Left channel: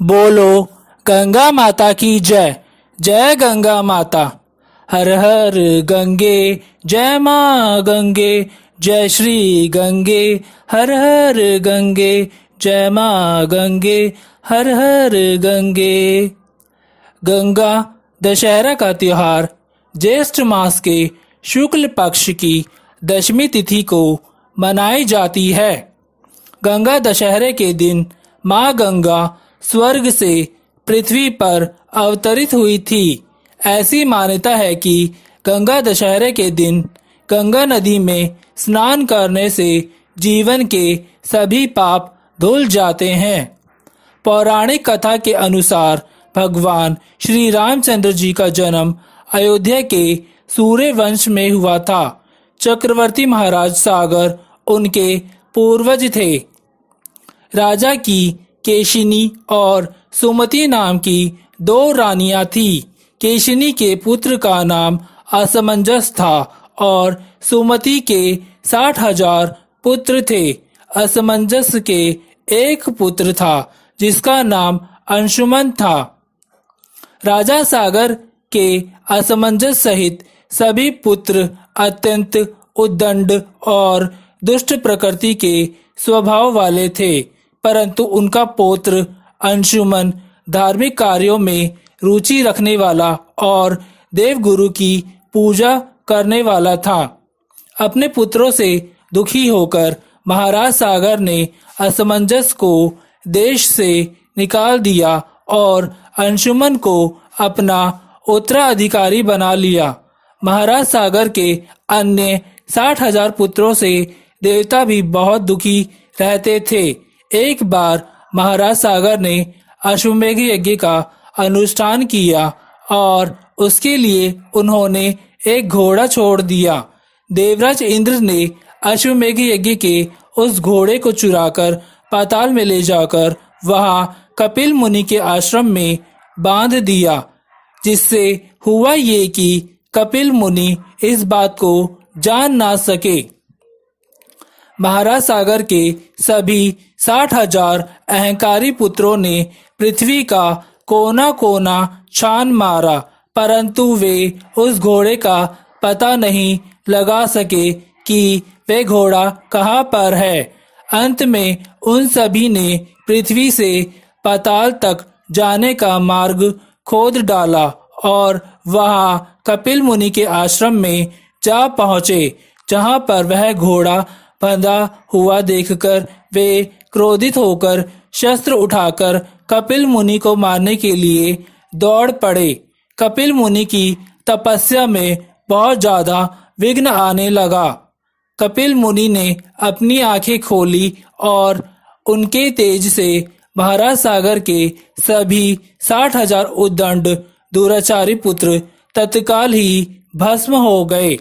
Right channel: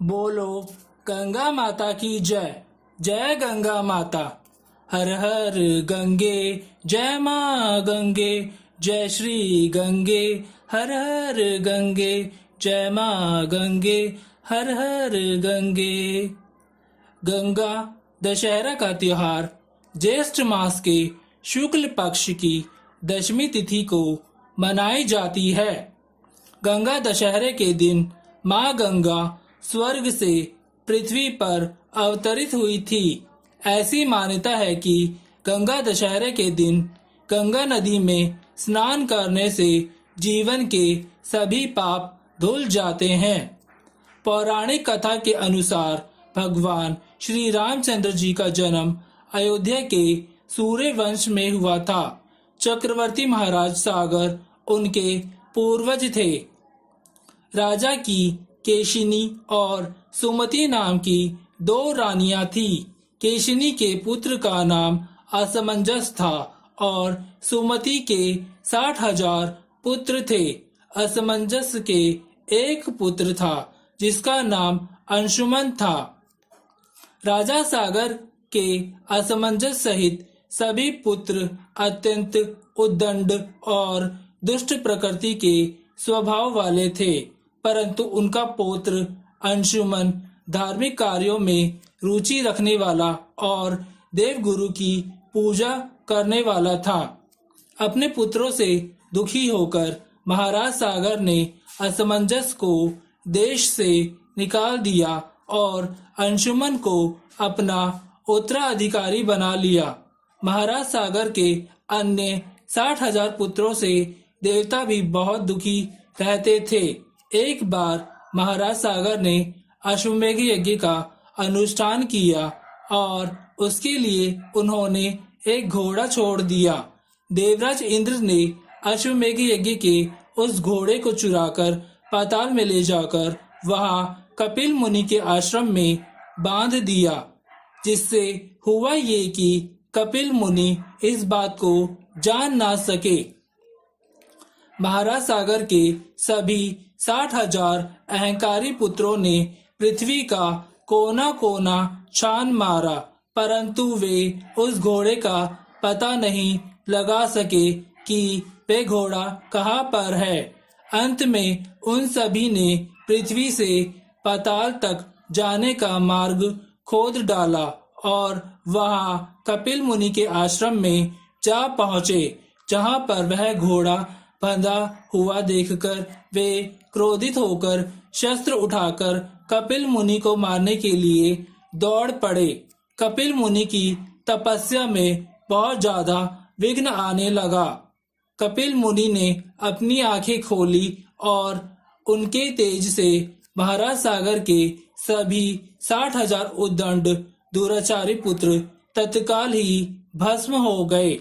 बोलो गंगा माता की जय। जय गंगा माता। हर हर गंगे, जय माँ गंगे। जय श्री गंगे, हर हर गंगे। जय माँ गंगे, हर हर गंगे। गंगा दशहरा का त्योहार ज्येष्ठ मास के शुक्ल पक्ष की दशमी तिथि को मनाई जाती है। गंगा दशहरे के दिन माँ गंगा स्वर्ग से पृथ्वी पर अवतरित हुई थी। ऐसी मान्यता है कि गंगा दशहरे के दिन गंगा नदी में स्नान करने से जीवन के सभी पाप धुल जाते हैं। पौराणिक कथा के अनुसार भगवान श्री रामचंद्र जी का जन्म अयोध्या के सूर्य वंश में हुआ था। चक्रवर्ती महाराज सागर उनके पूर्वज थे। राजा की केशिनी और सुमति नाम की दो रानियां थी। केशिनी के पुत्र का नाम असमंजस था और सुमति के 60,000 पुत्र थे। असमंजस के एक पुत्र था जिसका नाम अंशुमन था। राजा सागर के असमंजस सहित सभी पुत्र अत्यंत उद्दंड और दुष्ट प्रकृति के स्वभाव वाले थे, परंतु उनका पौत्र अंशुमन धार्मिक कार्यों में रुचि रखने वाला और देवगुरु की पूजा करने वाला था। अपने पुत्रों से दुखी होकर महाराज सागर ने असमंजस को देश से निकाल दिया और अंशुमन को अपना उत्तराधिकारी बना लिया। महाराज सागर के अन्य 60,000 पुत्रों से देवता भी बहुत दुखी रहते थे। एक बार महाराज सागर ने अश्वमेघ यज्ञ का अनुष्ठान किया और उसके लिए उन्होंने एक घोड़ा छोड़ दिया। देवराज इंद्र ने अश्वमेघ यज्ञ के उस घोड़े को चुराकर पाताल में ले जाकर वहां कपिल मुनि के आश्रम में बांध दिया, जिससे हुआ ये कि कपिल मुनि इस बात को जान ना सके। महाराज सागर के सभी 60,000 अहंकारी पुत्रों ने पृथ्वी का कोना कोना छान मारा, परंतु वे उस घोड़े का पता नहीं लगा सके कि वे घोड़ा कहाँ पर है। अंत में उन सभी ने पृथ्वी से पाताल तक जाने का मार्ग खोद डाला और वहां कपिल मुनि के आश्रम में जा पहुंचे, जहां पर वह घोड़ा बंधा हुआ देखकर वे क्रोधित होकर शस्त्र उठाकर कपिल मुनि को मारने के लिए दौड़ पड़े। कपिल मुनि की तपस्या में बहुत ज्यादा विघ्न आने लगा। कपिल मुनि ने अपनी आंखें खोली और उनके तेज से महाराज सागर के सभी 60,000 उद्दंड दुराचारी पुत्र तत्काल ही भस्म हो गए।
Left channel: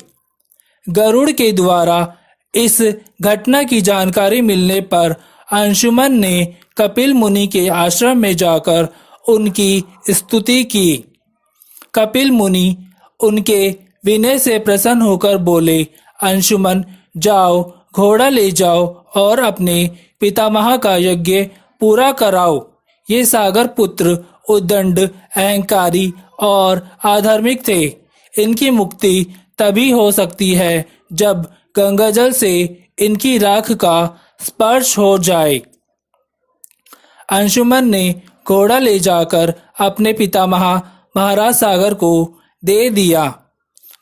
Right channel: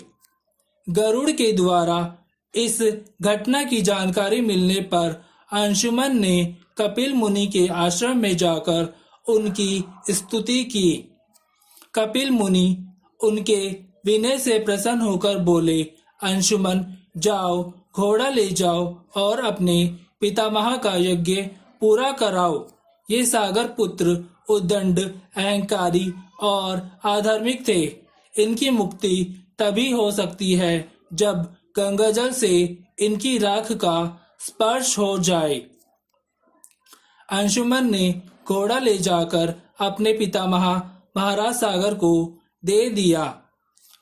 गरुड़ के द्वारा इस घटना की जानकारी मिलने पर अंशुमन ने कपिल मुनि के आश्रम में जाकर उनकी स्तुति की। कपिल मुनि उनके विनय से प्रसन्न होकर बोले, अंशुमन जाओ, घोड़ा ले जाओ और अपने पितामह का यज्ञ पूरा कराओ। ये सागर पुत्र उद्दंड, अहंकारी और अधार्मिक थे। इनकी मुक्ति तभी हो सकती है जब गंगाजल से इनकी राख का स्पर्श हो जाए। अंशुमन ने घोड़ा ले जाकर अपने पितामह महाराज सागर को दे दिया।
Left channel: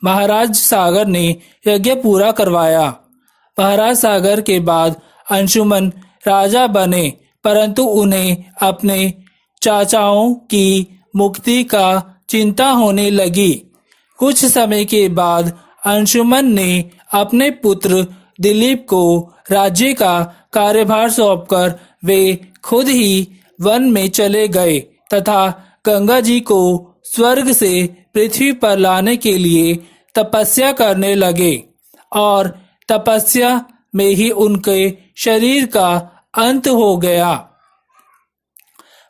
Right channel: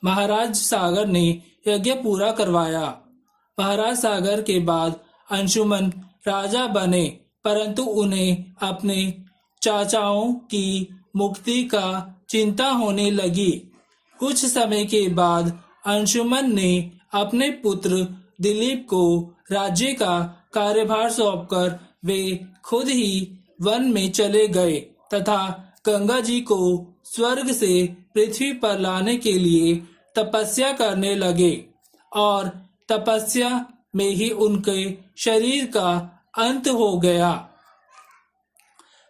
महाराज सागर ने यज्ञ पूरा करवाया। महाराज सागर के बाद अंशुमन राजा बने, परंतु उन्हें अपने चाचाओं की मुक्ति का चिंता होने लगी। कुछ समय के बाद अंशुमन ने अपने पुत्र दिलीप को राज्य का कार्यभार सौंपकर वे खुद ही वन में चले गए तथा गंगा जी को स्वर्ग से पृथ्वी पर लाने के लिए तपस्या करने लगे और तपस्या में ही उनके शरीर का अंत हो गया।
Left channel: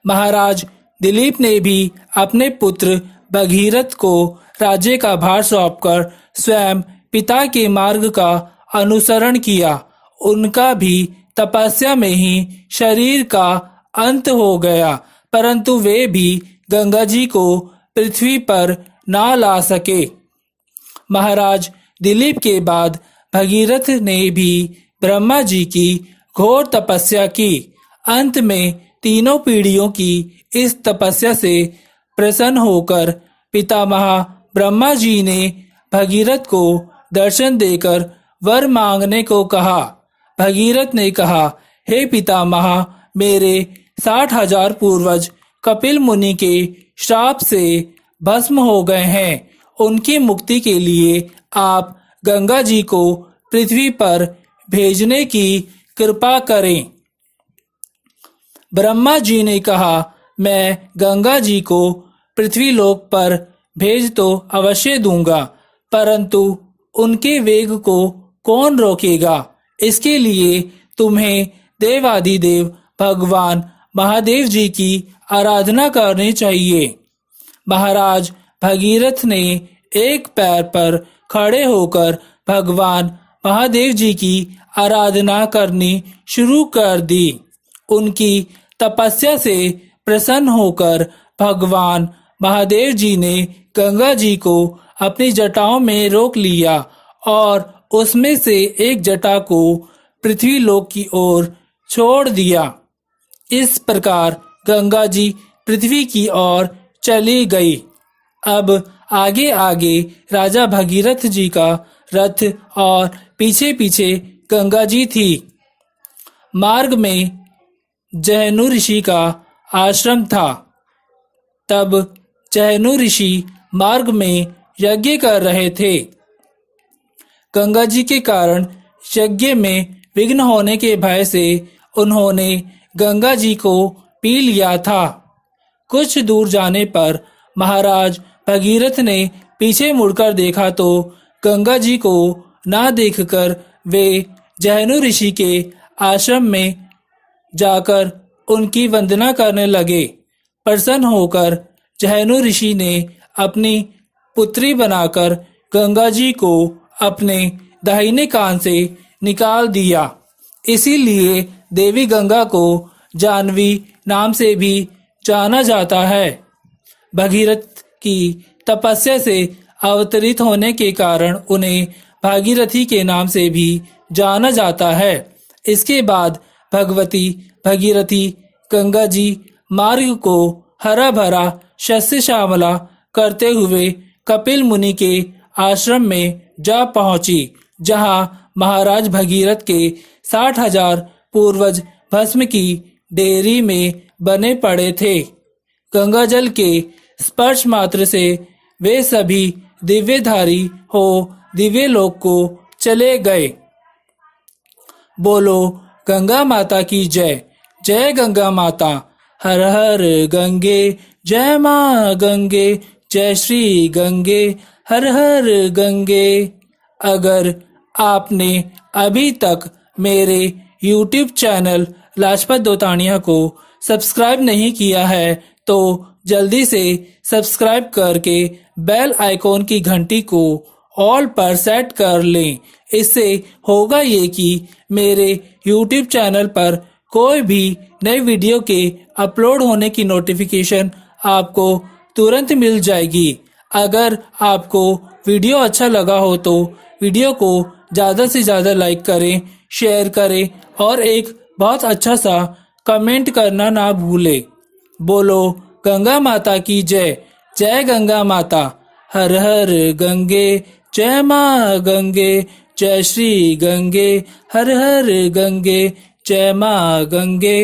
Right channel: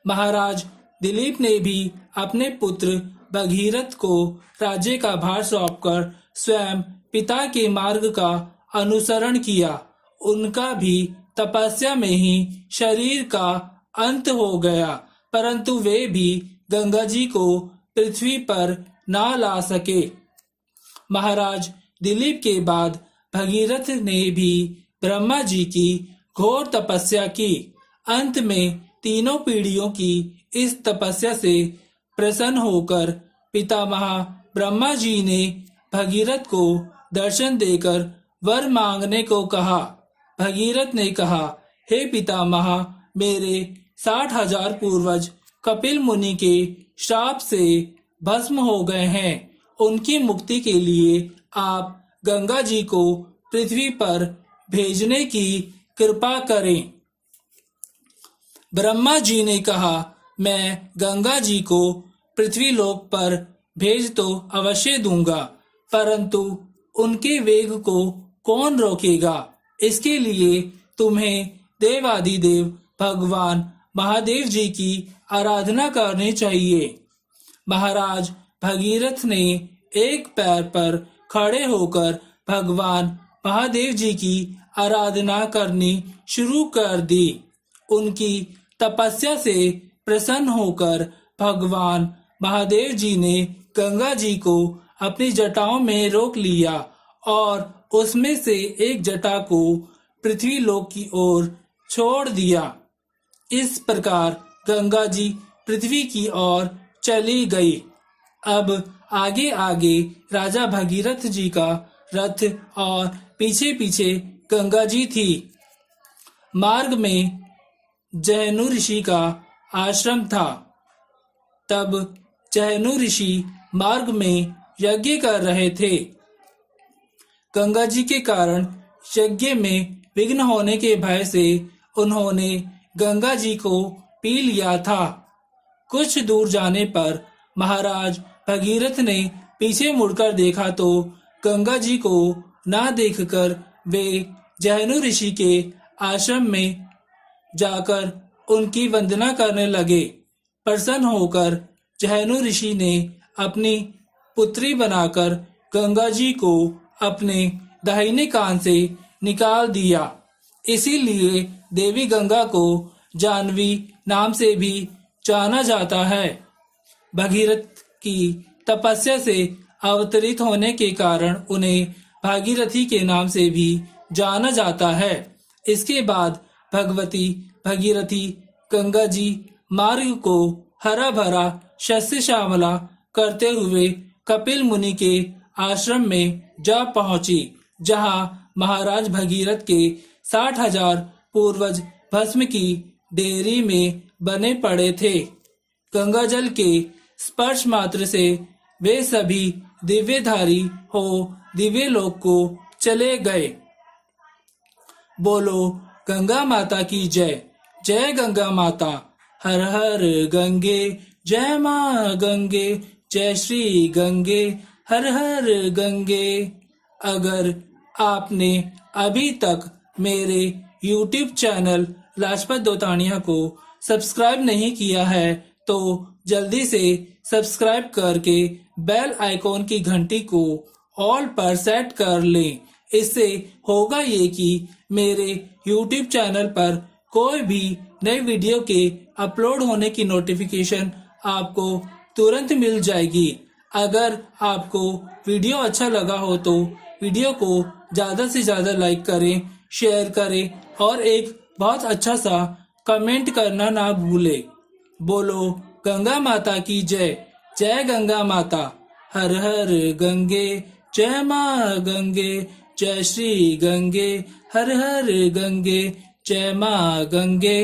महाराज दिलीप ने भी अपने पुत्र भगीरथ को राज्य का भार सौंपकर स्वयं पिता के मार्ग का अनुसरण किया। उनका भी तपस्या में ही शरीर का अंत हो गया, परंतु वे भी गंगा जी को पृथ्वी पर ना ला सके। महाराज दिलीप के बाद भगीरथ ने भी ब्रह्मा जी की घोर तपस्या की। अंत में तीनों पीढ़ियों की इस तपस्या से प्रसन्न होकर पितामह ब्रह्मा जी ने भगीरथ को दर्शन देकर वर मांगने को कहा। भगीरथ ने कहा, हे पितामह, मेरे 60,000 पूर्वज कपिल मुनि के श्राप से भस्म हो गए हैं। उनकी मुक्ति के लिए आप गंगा जी को पृथ्वी पर भेजने की कृपा करें। ब्रह्मा जी ने कहा, मैं गंगा जी को पृथ्वी लोक पर भेज तो अवश्य दूंगा, परंतु उनके वेग को कौन रोकेगा? इसके लिए तुम्हें देवाधिदेव भगवान महादेव जी की आराधना करनी चाहिए। महाराज भगीरथ ने एक पैर पर खड़े होकर भगवान महादेव जी की आराधना करनी शुरू कर दी। उनकी तपस्या से प्रसन्न होकर भगवान महादेव जी ने गंगा जी को अपनी जटाओं में रोक लिया और उसमें से एक जटा को पृथ्वी लोक की ओर छोड़ दिया। इस प्रकार गंगा जी पृथ्वी की ओर चली गई। अब आगे आगे राजा भगीरथ जी का रथ और पीछे पीछे गंगा जी थी। मार्ग में जहनु ऋषि का आश्रम था। तब जहनु ऋषि मार्ग में यज्ञ कर रहे थे। गंगा जी के कारण यज्ञ में विघ्न होने के भय से उन्होंने गंगा जी को पी लिया था। कुछ दूर जाने पर महाराज भगीरथ ने पीछे मुड़कर देखा तो गंगा जी को ना देखकर वे जहनु ऋषि के आश्रम में जाकर उनकी वंदना करने लगे। प्रसन्न होकर जहनु ऋषि ने अपनी पुत्री बनाकर गंगा जी को अपने दाहिने कान से निकाल दिया। इसीलिए देवी गंगा को जानवी नाम से भी जाना जाता है। भगीरथ की तपस्या से अवतरित होने के कारण उन्हें भागीरथी के नाम से भी जाना जाता है। इसके बाद भगवती भगीरथी गंगा जी मार्ग को हरा भरा शस्य श्यामला करते हुए कपिल मुनि के आश्रम में जा पहुंची, जहां महाराज भगीरथ के 60,000 पूर्वज भस्म की डेरी में बने पड़े थे। गंगा जल के स्पर्श मात्र से वे सभी दिव्यधारी हो दिव्य लोक को चले गए। बोलो गंगा माता की जय। जय गंगा माता। हर हर गंगे, जय माँ गंगे, जय श्री गंगे, हर हर गंगे। अगर आपने अभी तक मेरे YouTube चैनल लाजपत दोतानिया को सब्सक्राइब नहीं किया है तो जल्दी से सब्सक्राइब करके बेल आइकॉन की घंटी को ऑल पर सेट कर लें। इससे होगा ये कि मेरे YouTube चैनल पर कोई भी नई वीडियो के अपलोड होने की नोटिफिकेशन आपको तुरंत मिल जाएगी। अगर आपको वीडियो अच्छा लगा हो तो वीडियो को ज़्यादा से ज़्यादा लाइक करें, शेयर करें और एक बहुत अच्छा सा कमेंट करना ना भूलें। बोलो गंगा माता की जय। जय गंगा माता। हर हर गंगे, जय माँ गंगे, जय श्री गंगे, हर हर गंगे, जय माँ गंगे।